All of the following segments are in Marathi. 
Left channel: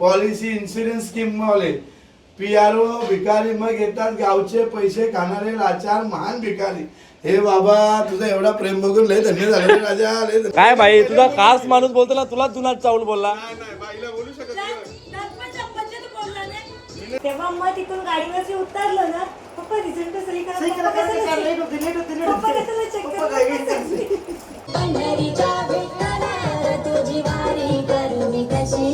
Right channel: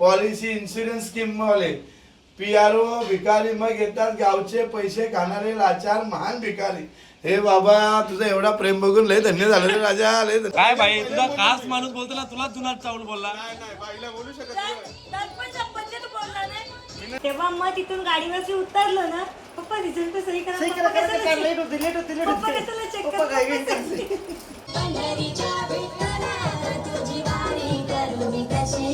पॉलिसी इन्शुरन्स स्कीम वाले पी आर ओ भिकारी मग येतात गावचे पैसे खाणारे लाचार महान भिकारी. हे बाबा तुझा एवढा प्रेम बघून लय धन्य झालं राजा लय धन्य. काय भाई तुझा खास माणूस बोलतो ना तुला तुला चावल बोलला. तेव्हा मग तिथून गाडीवरती उतरलो ना पप्पा रिझल्ट सही करा कशाला? पंढरीच्या विठ्ठला तुझी वारी करून कशी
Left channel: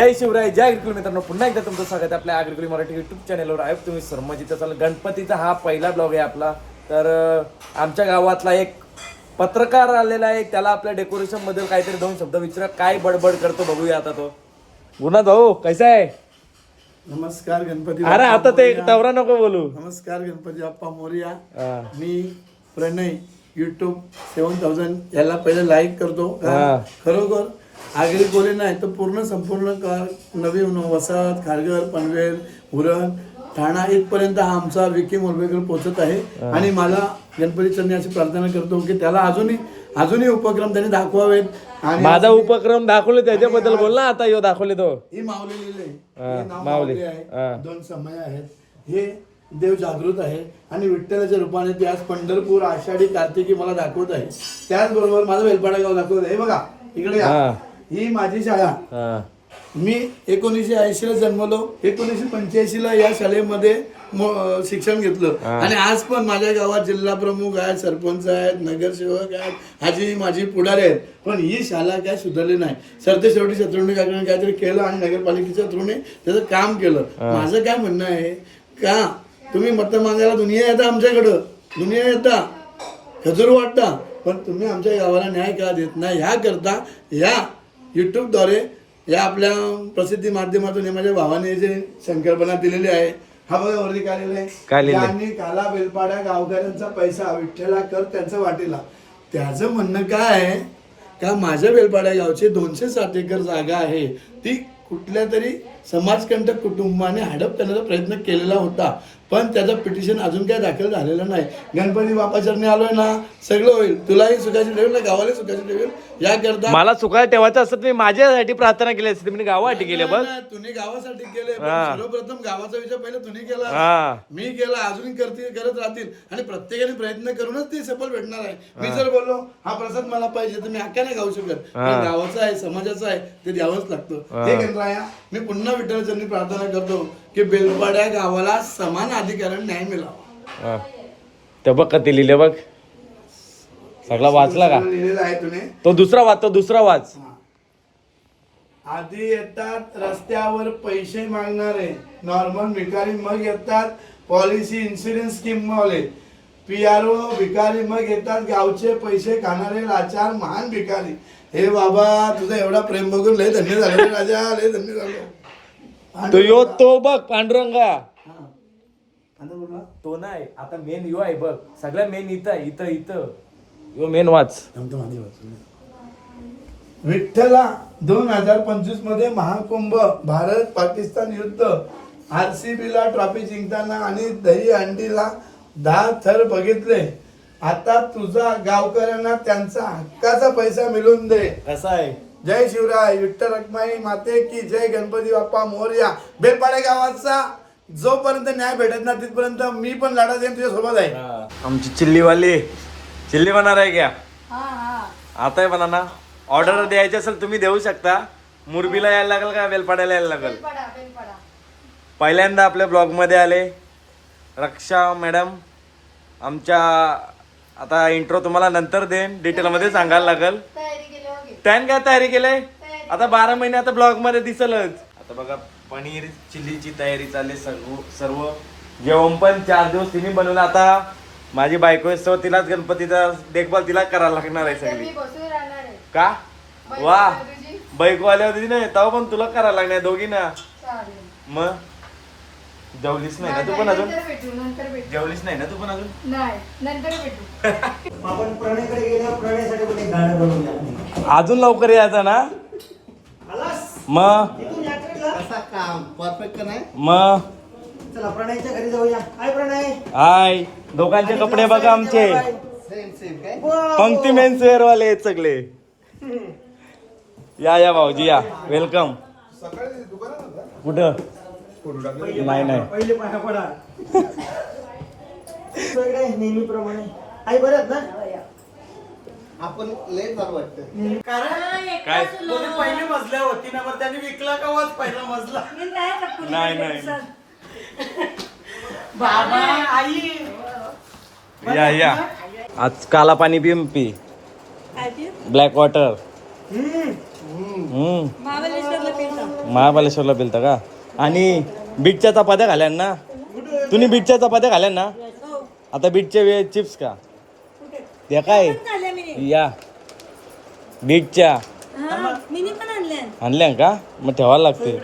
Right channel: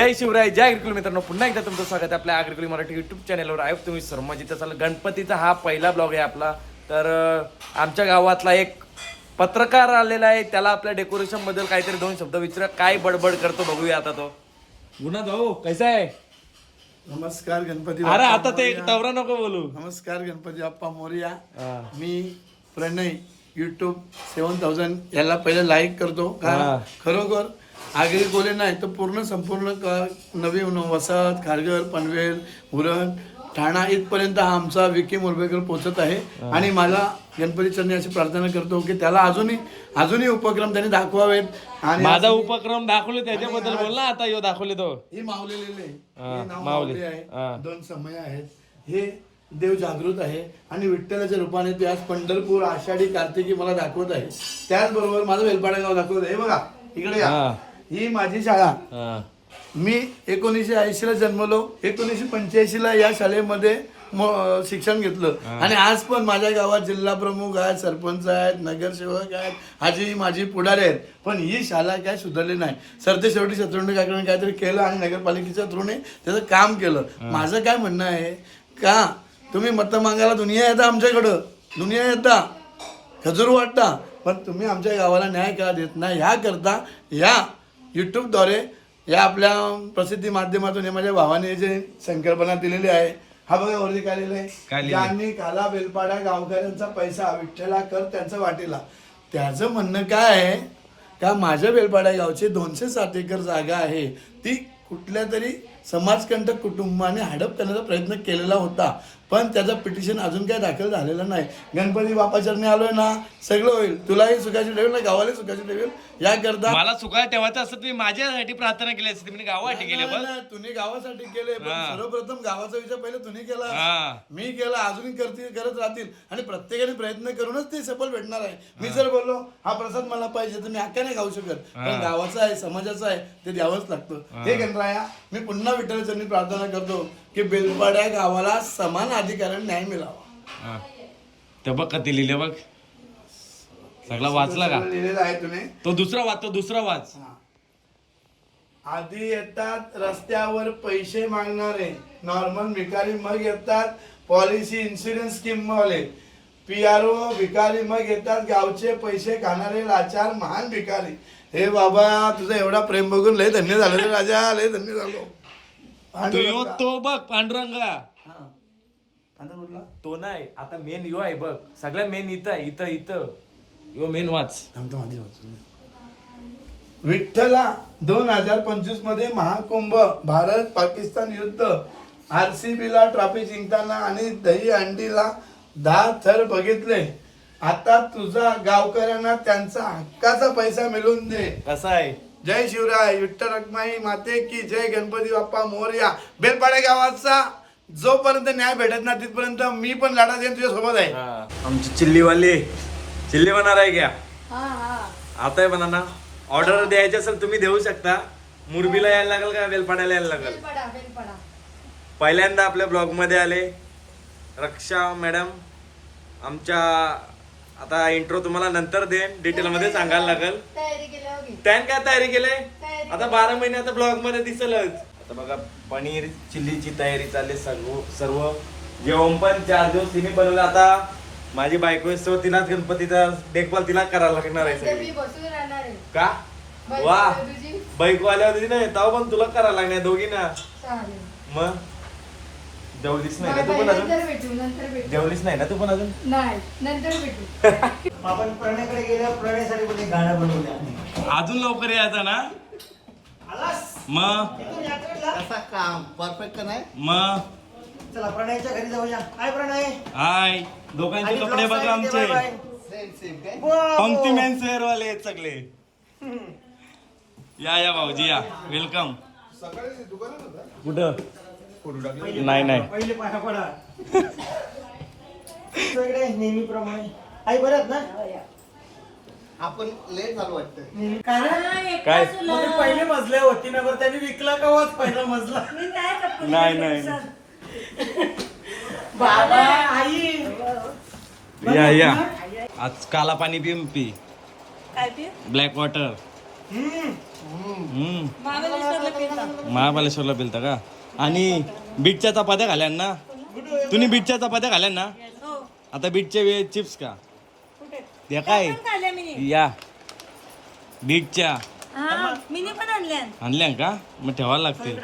जय शिवराय जय अग्रिकुल मित्रांनो. पुन्हा एकदा तुमचं स्वागत आहे आपल्या अग्रिकुल मराठी युट्यूब चॅनलवर आहे तुम्ही सर्मजित असाल. गणपतीचा हा पहिला ब्लॉग आहे आपला. तर आमच्या गावातला एक पत्रकार आलेला आहे. त्याला आपल्या डेकोरेशनबद्दल काहीतरी दोन शब्द विचारा. काय बडबड करतो बघूया आता तो. गुन्हा भाऊ कैसा आहे? नमस्कार गणपती अरे बाप्पा आता ते मोरया. नको बोलू. नमस्कार गणपती बाप्पा मोर्या. हा. मी प्रणय युट्यूब सेवन थाउजंड याला पहिले लाईक करतो. खरोखर आगरी बोले नाही तर पूर्ण संपूर्ण का नवी वसाहत खारघर पनवेल उरण ठाणा इथपर्यंत हा आमचा विकी मुरबेकर पोहोचत आहे. आणि मला गणपती चरणी अशी प्रार्थना करतो की त्याला अजूनही अजूनही उपक्रम त्यांनी दाखवावेत. आणि माझा उपक्रम दाखवले त्याच्याबद्दल बोल ना आता यो दाखवले तो. ही माऊली. माऊली आहे. दोन समय आहेत. हे देव जागृत आहे. आणि विठ्ठलाच्या रूपाने ते आज पंढरपूर आषाढी कार्तिकी मला दाखवत आहे. त्याचबरोबर माझं वेलपाडा गाव दाखवत आहे. बघा इकडे. हा. माझी शाळा. हा. मी एकोणीसशे ऐंशी ला जन्मलो. एकोणीसशे पंच्याऐंशी ला या शाळेमध्ये म- शिक्षण घेतलं. आणि आज पण माझ्या गावात जिल्हा प्रमुख आहेत सरपंच आहेत नगरसेवक आहेत. आजी माझी पुढारी आहेत. पण ही शाळा काय सुधारली नाही. सरते शेवटी शत्रुंडी काकडे काहीतरी केलं आणि नगरपालिकेच्या थ्रूने त्याचं काम केलं. माझं काय म्हणणं आहे का तुम्ही मत मागायला दुनिया येता आमच्याकडं? दुनिया येता. खजूर वाटता. पण तुम्ही आमच्या गावाला न्याय का देत नाही? ह्या करता या युट्यूबद्वारे या आपल्या प्रसिद्धी माध्यमातून हे माझ्या भावाने जे संकल्पना दिलेली आहे हा बघा वरती काय लिहिलंय? काय लिहिलंय? ज्यांनी काला बेलपाड्या गावकऱ्यांचा पैसा विठ्ठला कर त्यांचं वाटेला. त्याचं म्हणणं काय आहे? का माझ्या बेलपाड्या गावची दोनशे साठ एकर जागा आहे. ती कुठल्या तरी समाजकंटक कुटुंबाने हडप करण्याचा प्रयत्न केलेला होता. पण त्याचं पिटिशन अजून काय दाखल झालेलं नाही. गणपती बापाचरणी आलोय ना सगळं होईल. तुलाही सुखाची ठेवेल ना गावाला सुखाची ठेवेल. याकरता मला सुखाय ठेवायचं असत मी माझ्यासाठी प्रार्थना केली असती मी गावासाठी केली नाही, तुम्ही गावासाठी केले पण. सर्वप्रथम गावाचा विचार पहिले तुम्ही केला. मी केला अजूनही करतील करत राहतील. आणि प्रत्येकाने प्रयत्न करूनच ते सफल भेटणार आहे. मी जर बोललो हा प्रसाद मला पाहिजे तर मी हक्का नाही गाऊ शकत पण गावाचं आहे समाजाचं आहे ते द्यावंच लागतं. हे. गणराया मी पुन्हा विठ्ठलाचरणी प्रार्थना करतो. की बेलपाड्या गावाला समान अधिकाराने न्याय मिळावा. हा. ते बघ कधी लिहिले बघ. सगळा वाचला का? लिहिलेलं आहे तुने तो दुसरा वाच तो दुसरा वाच. आधी येतात रस्त्यावर पैसे मागणारे नॉर्मल भिकारी मग येतात पॉलिसी इन्शुरन्स स्कीम वाले पी आर ओ भिकारी मग येतात गावचे पैसे खाणारे लाचार महान भिकारी. हे बाबा तुझा एवढा प्रेम बघून लय धन्य झालं रे राजा लय धन्य झालो. तो यो तो बघ पांडुरंगा. हा. तो नाही आता मेन यो आहे बघ. सगळ्या मेन इथं आहे, इथं इथं. यो मेन वाच. विठ्ठला दोन हजार पंचवीसमध्ये महाकुंभ भारत पाकिस्तान युद्ध आरसीबी ला ट्रॉफी जिंकताना आणि दही अंडीला दहा थर बघितले. आता तुझा गावकऱ्यांना त्यांचा हक्काचा पैसा मिळवून दे. असं आहे. जय शिवराय विठ्ठल रखमाई माते की जय गणपती बाप्पा मोरया. बेलपाडे गावाचा जोपर्यंत न्याय भेटत ना तिथपर्यंत मी पण लढा देईन तुझ्या सोबत आहे आमची चिल्लीवाली. चिल्ली बनणार आहे क्या? आता आहे बनाना. ऑर्डर द्यायची असेल तुम्ही देऊ शकता. मुरबीला यायला लागेल का? वेलपाड्याला यायला लागेल? पहिल्यांदा आपल्या ब्लॉगमध्ये आले. रक्षा मॅडम आमच्या आता इंट्रो तुम्हाला नंतर देईन. डिटेल मध्ये सांगायला लागेल. त्याने काय तयारी केलंय? आता बारा महिने आता ब्लॉगमध्ये दिसलच. आता बघा पनीर चिल्लीची तयारी चालली सर्व सर्व. जेवण पण चार दिवस तिने बनवलं. आता माझी बायको आहे, so तिलाच गणपतीचा देखभाल तिला करायला लागणार आहे सगळी. का? वा. बायको आल्या होती ना तेव्हा पण तुला करायला लागणार दोघी ना मग? जेवलीस नाही ना तू पण अजून? नंतर भेटू नंतर भेटू. जेवलीस नाही ना तू पण अजून? नाही नंतर भेटू. आपण प्रणयकडे गेल्या प्रणयसाठी पण एक गाणं बनवून द्या. अजून लवकर यायचा ना? आलास? मग इथून यात्रेला? काम परफेक्ट का नाही? मग चला प्रणयच्या घरी जाऊया. हाय प्रणय. हाय. दोघांचे कपडे बघा आमचे. सेम सेम काय? Wow. पंक्ती मेन शेअर वाले आहेत सगळे. या या भाऊजी या. वेलकम कुठं? नाही नाही. पहिले पाया पडा. सगळे नेहमीप्रमाणे. आई बरं ना. आपण लय झालं वाटतं कारण काय? पहिले मजल्यावरती ना बरं त्यांनी विकला का वाच पहिला मजला? नाही नाही. बाबा आई. या या. आज काला पाणी पी पी? Black water. महाबळेश्वरला पिलता का? आणि बीटच्या चपात्या घाल्या ना? तुम्ही बीटच्या चपात्या घाल्या ना? हो. आता बीटचे वे चिप्स का कुठे? ते काय. या. बीटच्या. हा, मिनी पण आणल्या का? मग ठेवायला नाही.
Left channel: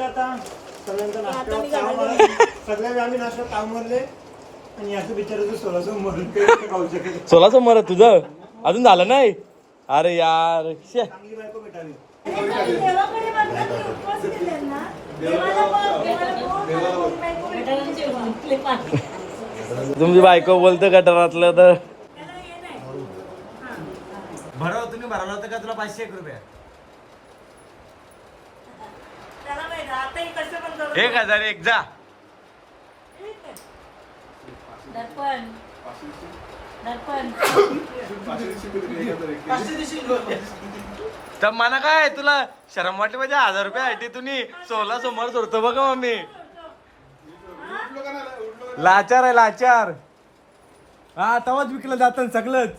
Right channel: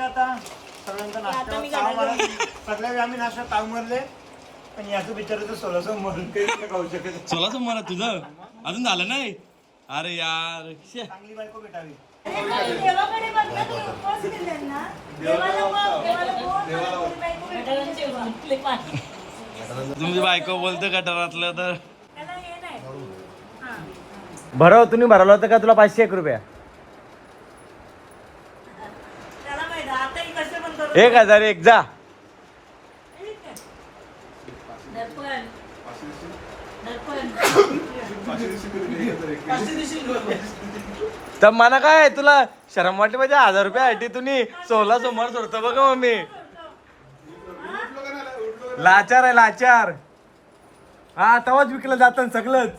सोलाचं मर तुझं? अजून झालं नाही? अरे यार तुमची बायको बोलतं तर हे नाही हा. भरव तुम्ही भरवलं होतं का तुला पाचशे एक रुपया? ही एक हजार एक जा ठीक आहे. दर्पण दर्पण तर मला काय तुला शरम वाटली पाहिजे? हजार रुपये आठी तुम्ही सोला सोमवार सोडतो बघा मम्मी. लाचार आहे लाचार. हा तवाच विकलं जातं सगळंच.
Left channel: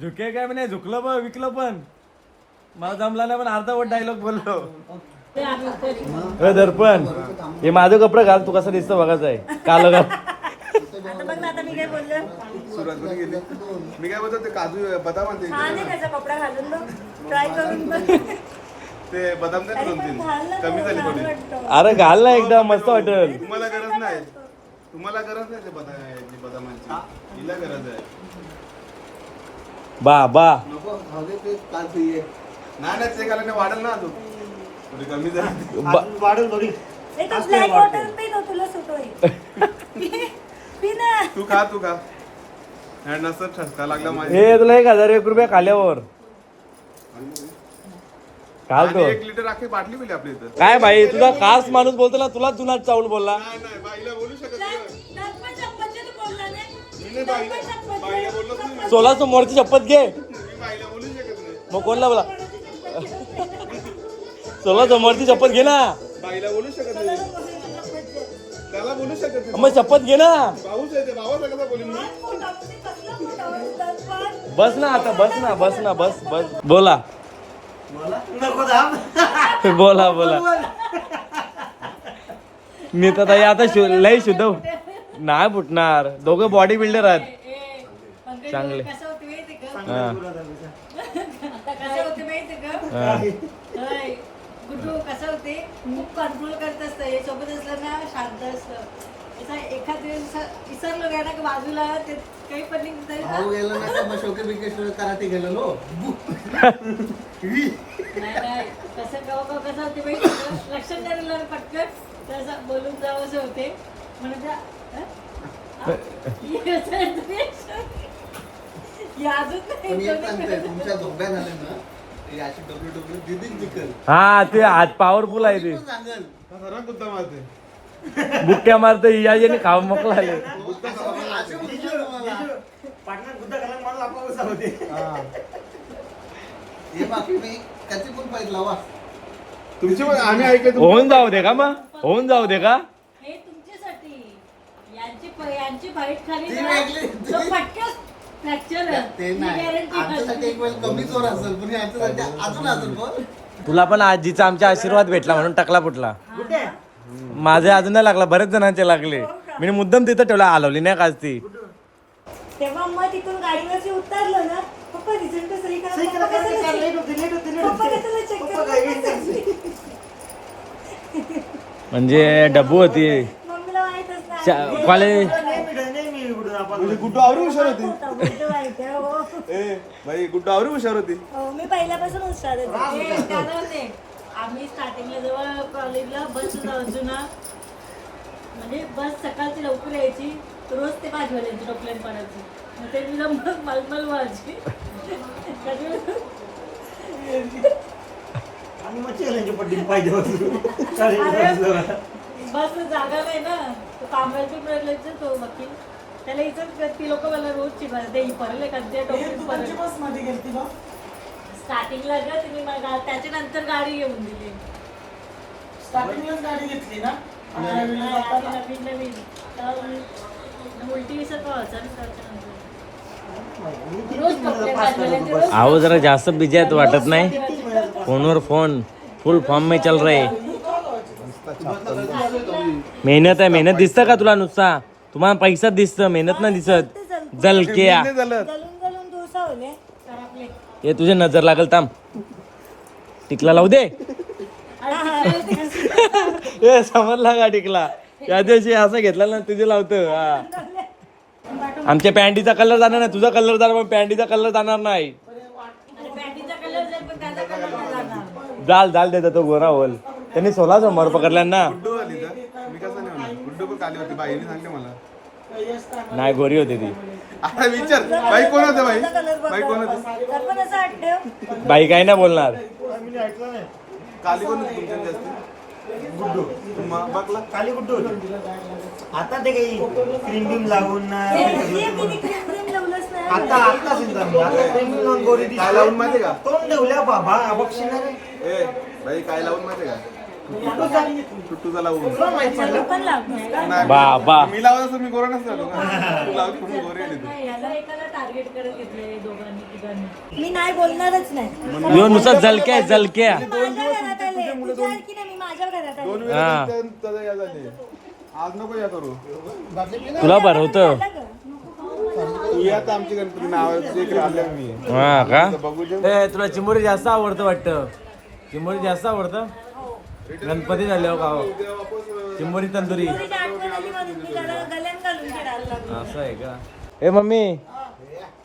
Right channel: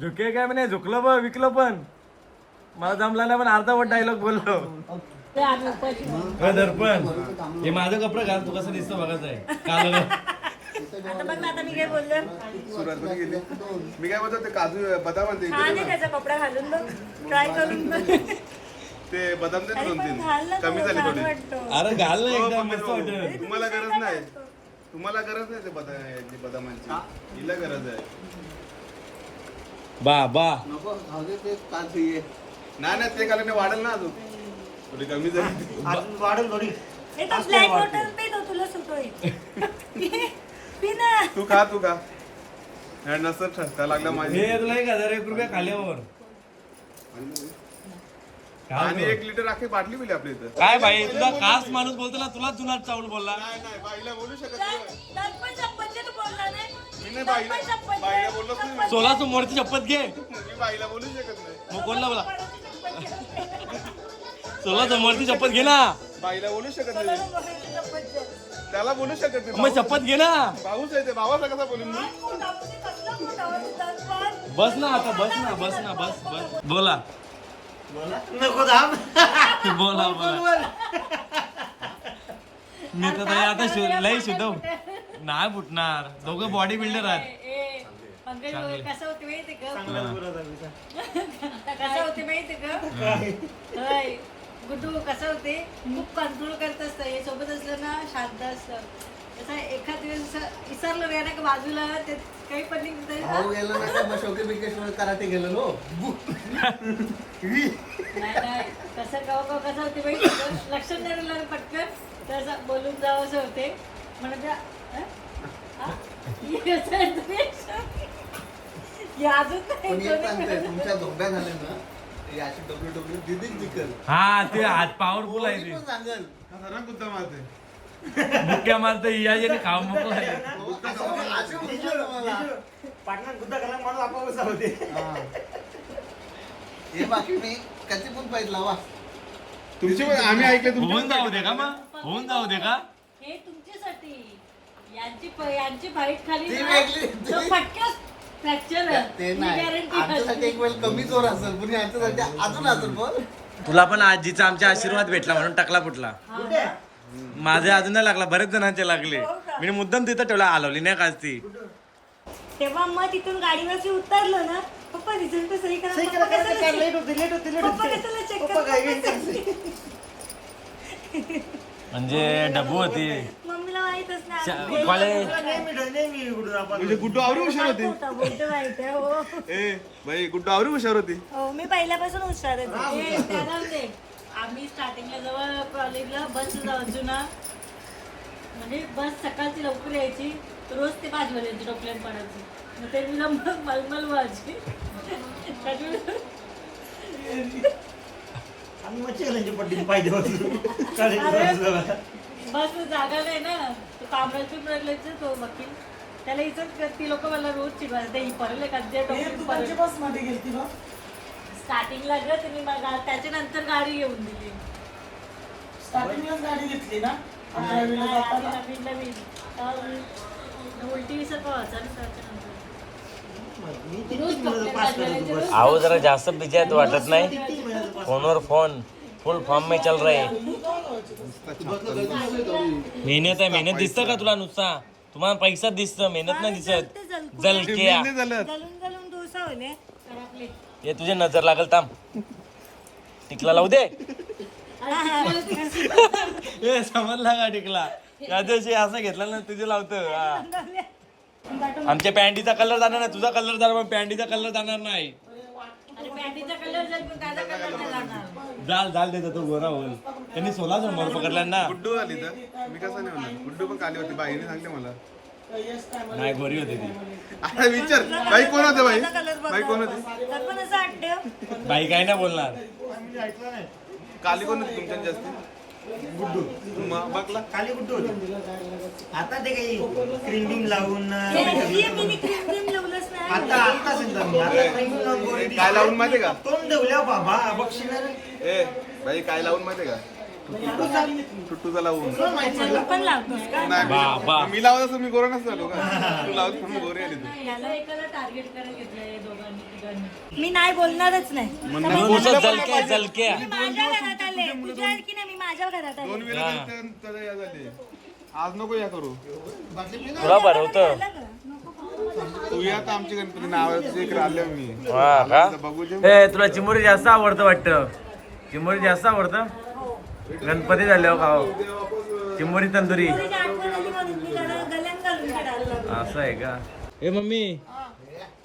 झुके काय म्हणे? झुकलं पण विकलं पण. मला जमला नाही पण अर्धा वट डायलॉग बोललो. दर्पण. हे माझं कपडे घाल तू कसं दिसतं बघायचं आहे. काल आता बघ ना आता मी काय बोललो सुरुवात केली? मी काय बोलतो ते काजू बदाम आणते छान आहे त्याचा कपडा घालून बघ. ट्राय करून बघ. ते बदाम दोन तीन घाल ना कमी झाली थोडी. अरे घाल ना एकदा मस्त वाटत तुम्हाला गरज नाही. तुम्हाला गरज नाही ते बदाम बदामांची. हिला गरज आहे. बा बा. नाही नाही ते वाढेल ना अजून. थोडी कमी झाली. वाढेल थोडी. हे तो ब्लॅक वॉटर पी तो तुला सुट तू खा तू खा. ह्या नसत ठसका लागला माझी हे तुला एक हजार एक रुपये खाल्यावर आणि तो. एक लिटर आखी बाटली पिली आपल्या इथं. काय भाई तुझा खास माणूस बोलतो ना तुला तुला चावल बोलला. सोळा समोरची शपथ घे. मग कोणला बोला? सोळा समोरची शपथ घे ना. बाईला बोलू शकत नाही. त्याला बोलू शकत नाही. मग शपथ घे ना. भाऊच आहे ते भावाचा कसा बोलून मी बस ना आता बस ना बस ना बस बस. बोला. बोला बोला. मी तर ताई आता शु- लय शुद्ध नाही फुटणार. दोघं बॉडी बिल्डर आहेत. चांगले. कसं होते माहिती का? हा. कसं होते माहिती का हा. होय. गुड्डू कसं होते खूप कंट्रोल करत असतं. हे सोबत असलं ना शांत असतं. असं एखाद दिवस विसरलो नाही ना का बाजूला ते काही पण निघत तरी ना. भाऊ गेला ना का मग शोके बिकेश्वर कराटे गेलो नो? नाही नाही. कसं गाव गाव कसं होते का? लक्षात राहिलं पटकन तर असं बोलून जावं असं होते. म्हणून त्या हं? हा? अजून पण नाही एक सांगते तुमच्या धोक्या झाल्या ना हे हा ते हात पॉवरफुल आहे ते. खरा मुद्दा मारते. बुक्क्या मारतो याने खाऊ मोकळा आहे. असे म्हणतो ना मला. पाटणा गुद्दा घाला माणूस आपोआप होते हा. हे बाकी मी कधी पण पाहिजे लावा. तुमची पण आम्ही होऊन जाऊ दे का मग? होऊन जाऊ दे का? हे तुमच्यासाठी. यांची यांची खाली वेगळी. तो फटक्यास फ्रॅक्चर ते नाही. आमच्यासाठी एक वेळ कमी जोर असेल पण यांच्यासाठी अजून असेल पण. तुला पण आजीचा आमचा आशीर्वाद भेटला म्हणून टकला फुटला. माझे अजून नाही लागला बरेच जणांचे लागले. मी मुद्दाम तिथं ठेवला आलवली नाही काच ती? तेव्हा मग तिथून गाडीवरती उतरलो ना पप्पा रिझल्ट सही करा पप्पा कशाला पप्पा. कशाला म्हणजे डब्बू होती. कॉलेज म्हणजे गुड्डू आवरी हुशार होती? होता, हो. ए गुड्डू आवरी हुशार होती? हो, मी पहिल्यापासून हुशारच आहे. हे त्याला ते? आम्ही स्टार्टिंगला जेव्हा कॉलेजला बस जायचो ना म्हणजे बस सकाळची लवकर यायची रोज ते भाजवायची डॉक्टर पडायची. मग ते तुला मग मलमल व्हायची. बस जागा नाही ना. कामाची वकील. त्याला इथं ती लोक मला रोज चिडवायचे ते परले का? ते डॉक्टर स्टार्टिंगला ग तुम्ही मला त्याच्यानंतर गाडी घेऊन दिली. गाडी घेतली ना? हा, नवीन नवीन उलटी विसर ना रोज जरा जास्त बिजी आहेत वाटत नाही. फोनवर फोन फुल फॉर्म में चल रहे मेहनत आहे मेहनत दिसतं का तुला नुसता? तुम्हाला पैसा दिसतं मेहनत नाही दिसत. जलक्या डोसा होले हे तुझे नजर लागल थांब. टिकला लावू दे. ए समजला का टिकला? त्या दिवशी असं घेतला ना तुझे लावतो हा. आमच्या पॅन्टीचा कलर जाणार नाही तुझा कलर जाणार पण पॅन्टीचा कलर जाणार नाही. जाल जाल देतो तो गोरा होल त्यांनी सोला समोर पकडला ना गुड्डू आली तर? मी कसं नाही म्हणणार. गुड्डू पण काली होती. बाईने सांगते मला. नाही गोरी होती ती. अरे विचार. बाई कोण होते बाई? बाई कोण होती? बाई काय नाही बोलणार. काली कोण होती तुमच्यात जास्त? गुड्डू. बघला काली गुड्डू होती. आता ते काही क्रीम बीम लावून आता आता सिंधम. आता क्रीम बीम लावून गोरी काय लावून माहितीये का? तोंड ठेवल्या बाबा बघशील रे. ए बाई काय लावून माहितीये का? टुट्टूचा लावून. पण का? नाही बाबा. मी लावत असं मी गोरा नसतो का तू लावत म्हणून गोरी आली तू. याला एकाला टार्गेट करत घेतलंय दोघांनी तिघांनी. मी नाही बोलणारच नाही. जलक्या जलक्या. माझ्या घरात आले. तुझ्या आणखी नाही मी माझ्या घरात आले. दोन वेळा या झाले. आज नको या करू. तुला भरवतं तू या तर आमची गणपती नावाची एक आल्या मी. हा? आता बघू जे ए तुला चिमुरी जास्त आवडतं वाटतं. चिमुरी जास्त आवडतं? गणपती झाले हो? गाव तंदुरी. घालून खेळायला लागलो असं आहे का? ए मम्मी.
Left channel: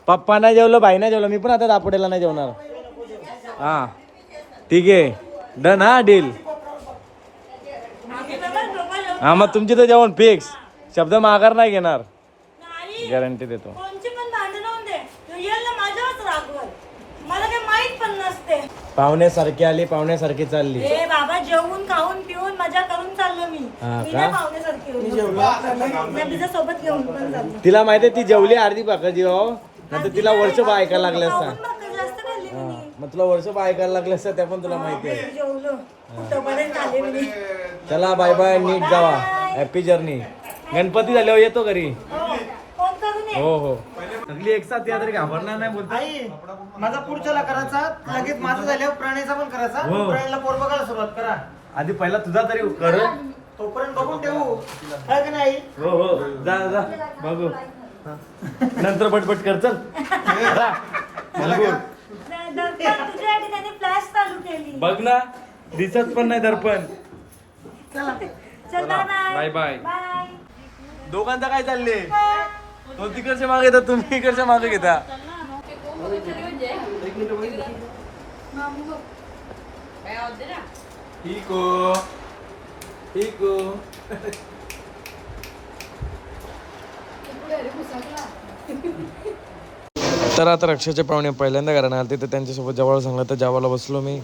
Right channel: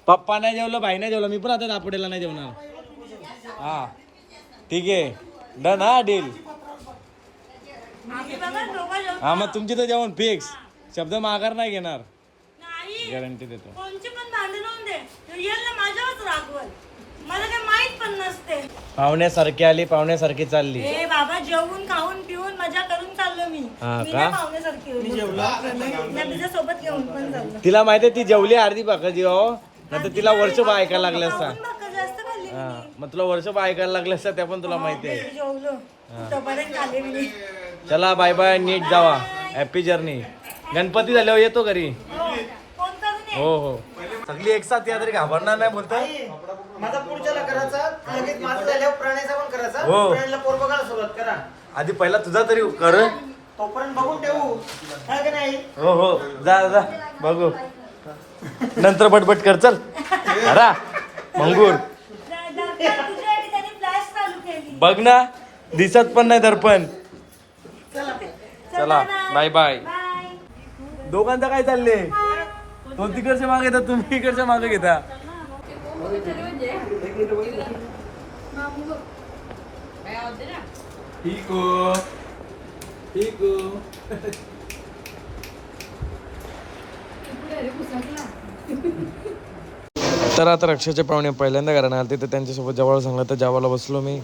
पप्पा नाही जेवलो भाई नाही जेवलो मी पण आता दापोडेला नाही जेवणार. हा. ठीक आहे. डन हा डील. हा मग तुमची तर जेवण फिक्स. शब्द माघार नाही घेणार. नाही. गॅरंटी देतो कोणची पण भांडण होऊन दे तो येईल ना माझ्यावरच रागवल मला काही माहीत पण नसते पाहुण्यासारखी आली पाहुण्यासारखी चालली. बाबा जेवून खाऊन पिऊन मजा करून चाललो मी. हा मी का? नाही पाहुण्यासारखी होतो मी तिच्या सोबत घेऊन पण चाललो. तिला माहिती ती जेवली अर्धी भाकर हो. नंतर तिला वर्षभर ऐकायला लागले असता. खाऊन भाकर जास्त खाल्ली मी. हा, मग तुला वर्षभर ऐकायला लागले असता त्या पण तुला माहिती आहे. जेवलो. तोपर्यंत आले मी चला बाय बाय नीट जावा. हॅपी जर्नी गणपती झाल्यावर येतो घरी. ये हो हो. सगळी एक साथ या तरी घाबरणार नाही बोलताय? माझा पुढच्याला करायचा लगेच माझं झाल्यावर प्रणयचा पण करायचा. हो. प्रणयला पोर बघायला सुरुवात करा. आधी पहिला तुझा तरी कर. तोपर्यंत बघून ठेवू. का नाही? हो हो. जा जा बघू. नंतर पटपट कर चल. रा, फ्लॅश चालू केली बघ ना दिसत पण नाही दर्पण. चला. बाय. Bye bye. दोघांचं काय चालले तो तिकडच्या मागे येतात तुम्ही इकडच्या मागे घेता. ठीक हो. ठीक हो. तर आता रक्षाचे पाहुणे पहिल्यांदा घराने आले तर त्यांच्यासोबत जवळ सांगलं तर जेवायला बसलो मी.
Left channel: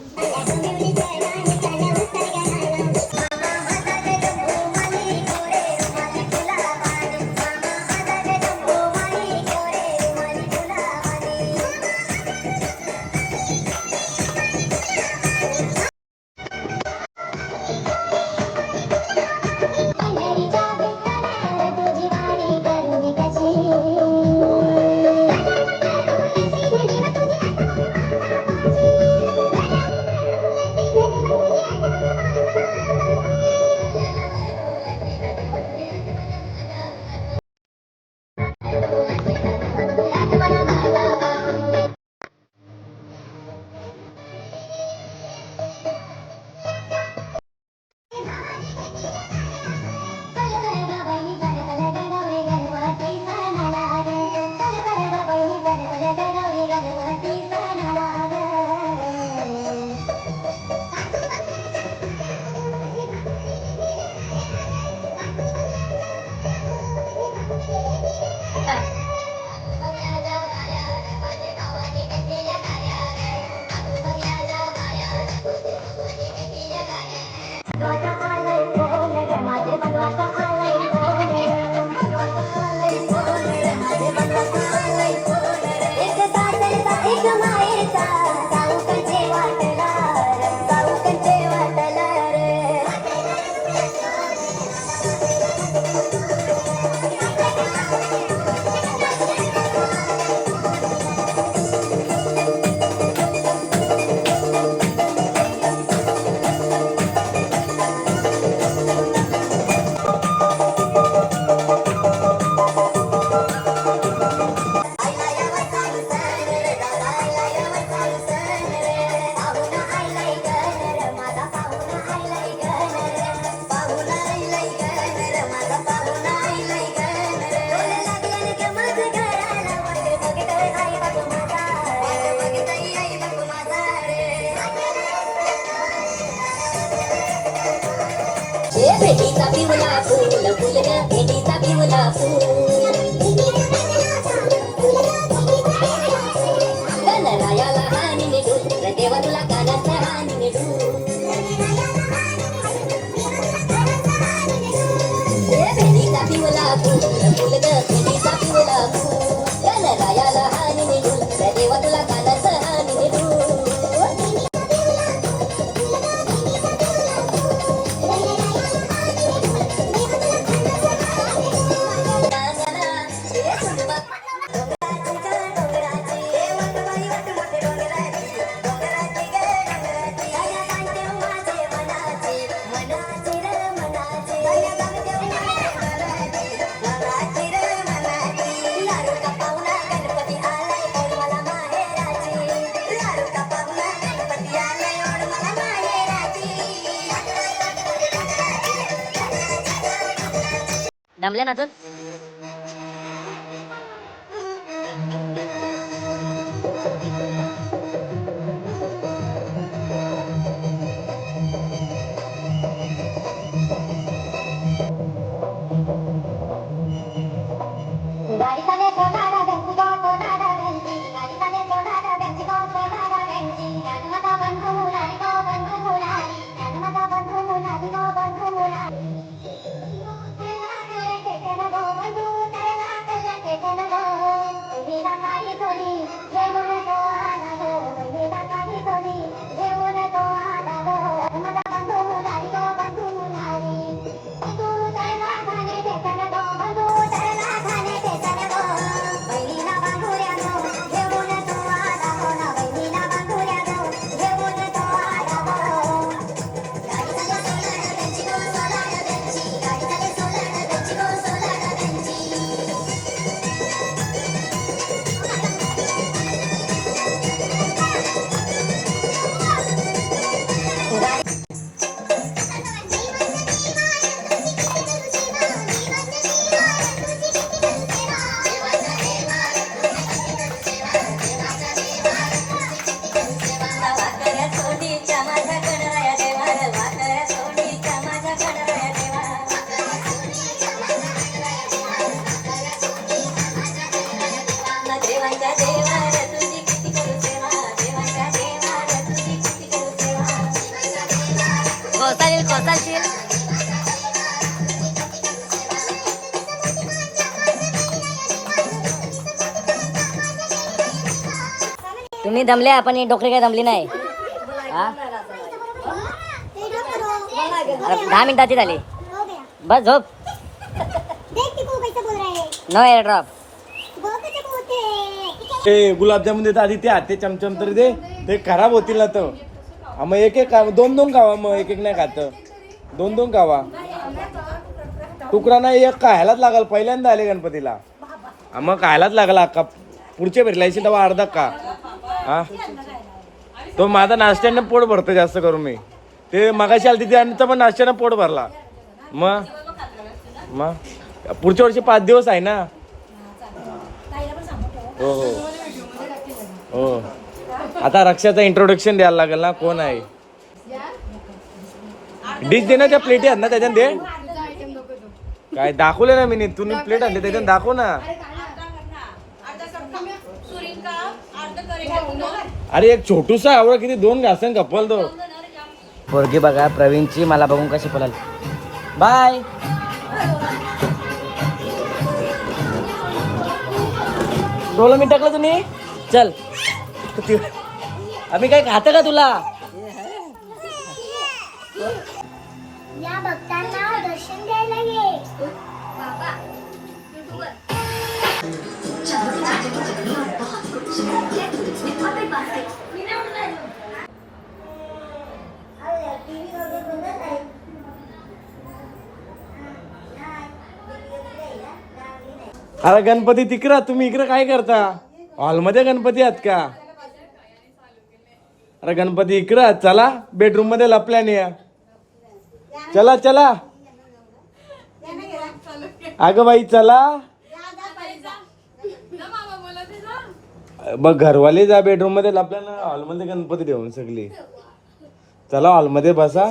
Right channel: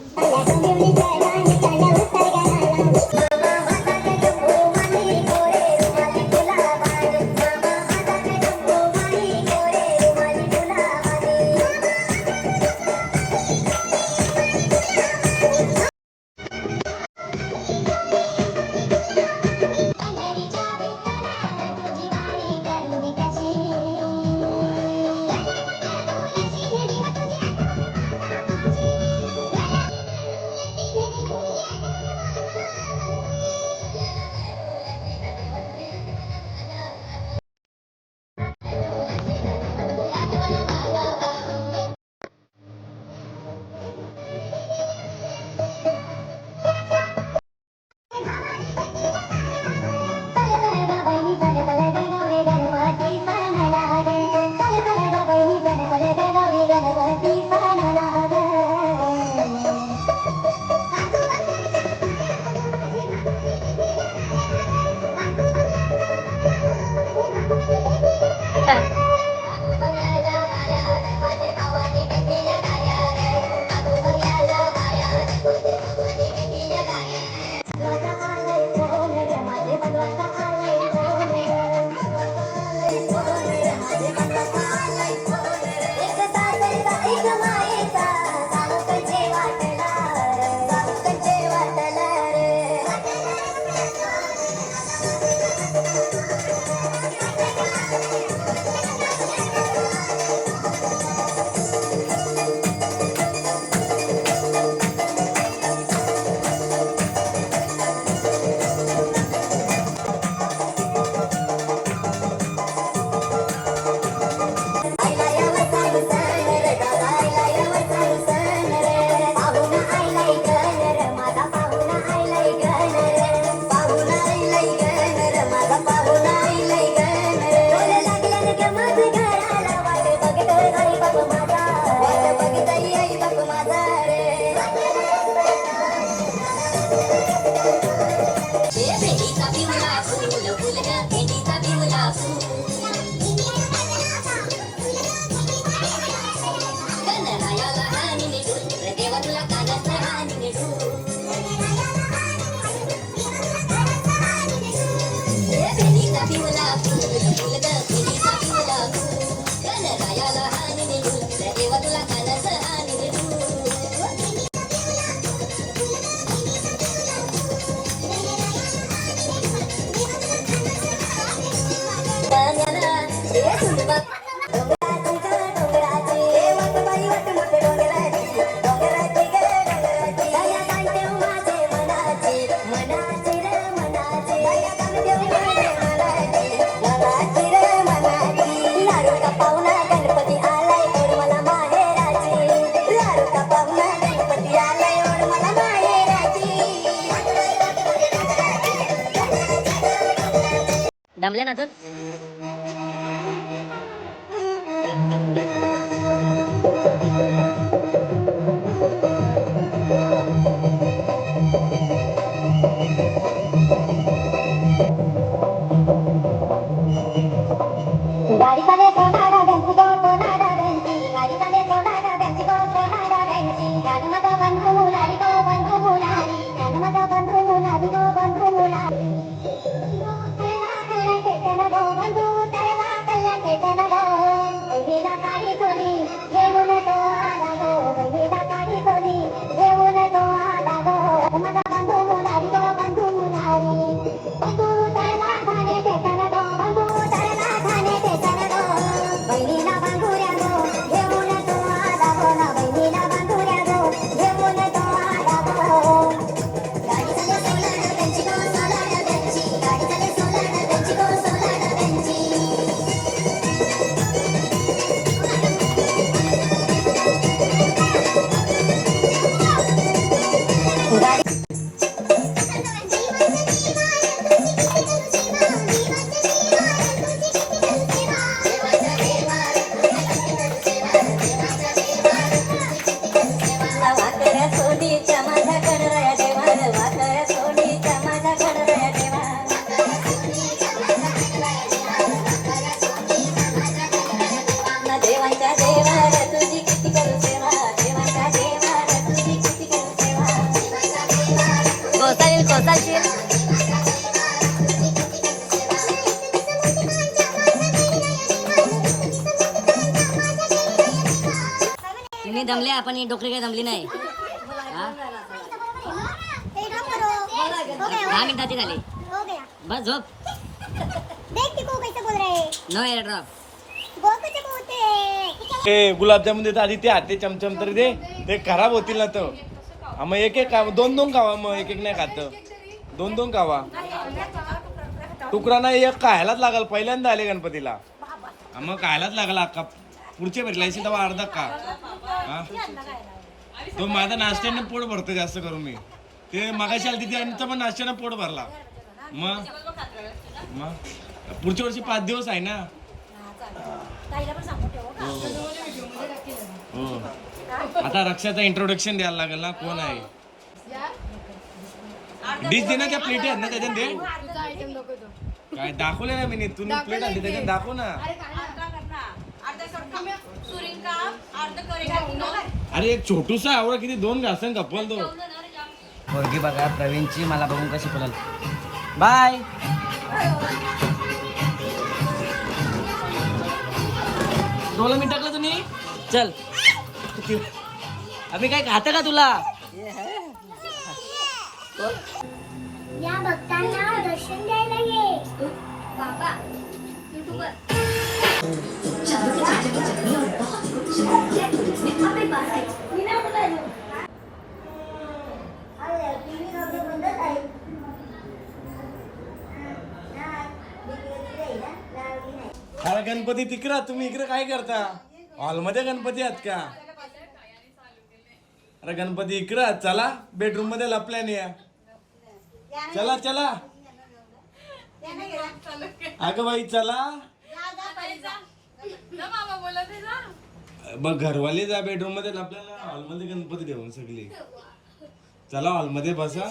दमले ना तू गाडी तुम्ही दमले आपण ही डोकरी काय दमली नाही? हा? दहा मिनिटाची झाली. हो गया बस झोप. देख के को कैसे बोल रहे हैं नो एअर ड्रॉप ते गुलाबजामुन देत आधी ते हाते चमचम तरी दे. ते खराब होतील ना तर. हा, मग एक एक दोन दोन खावा मग एक एक नाही खात. दोन दोन खावा तुकडा नाही एक खायलाच लागल पहिल्यांदा आले गणपतीला. मग खायलाच लागला अक्का. पुढच्या फिरलायची तेव्हा अर्धा का? हा तो माझा नाश्त्यानं पोट भरतो जास्त करून मी. ते मगाशी आली तिथे आणि पण नाश्त्यानं पोट भरला. मग मग पुढच्या वर्षी पाच दिवस आहे ना? हो हो. हो. आता रक्षाचं इंट्रोडक्शन द्यायला लागेल ना? कोण आहे? डिश दे ना त्या प्लेटी आहेत ना त्याच्यात दे. काय दाखवलं ना मी तू प्लेट आणली त्याच्यात दाखव ना. अरे एक छोटूसा आवड किती दोन घासन कपल तो. पोरगी बघा प्रवीणची मला बघून कशी पलाल बाय. डोलं मी टाकलं तुम्ही चल. आम्ही काय खातं का तुला? अरे गणपती तिकडं तुम्ही इकडे काय करता? हॉलमध्ये गणपती आहात का? अरे गणपती इकडं चला. बेडरूममध्ये लपल्याने चला चला. अगं बाई चला. मग घरवाले जा बेडरूममध्ये आपल्याला हॉलमध्ये गणपती ठेवून सगळी. चला हॉलमध्ये बसा.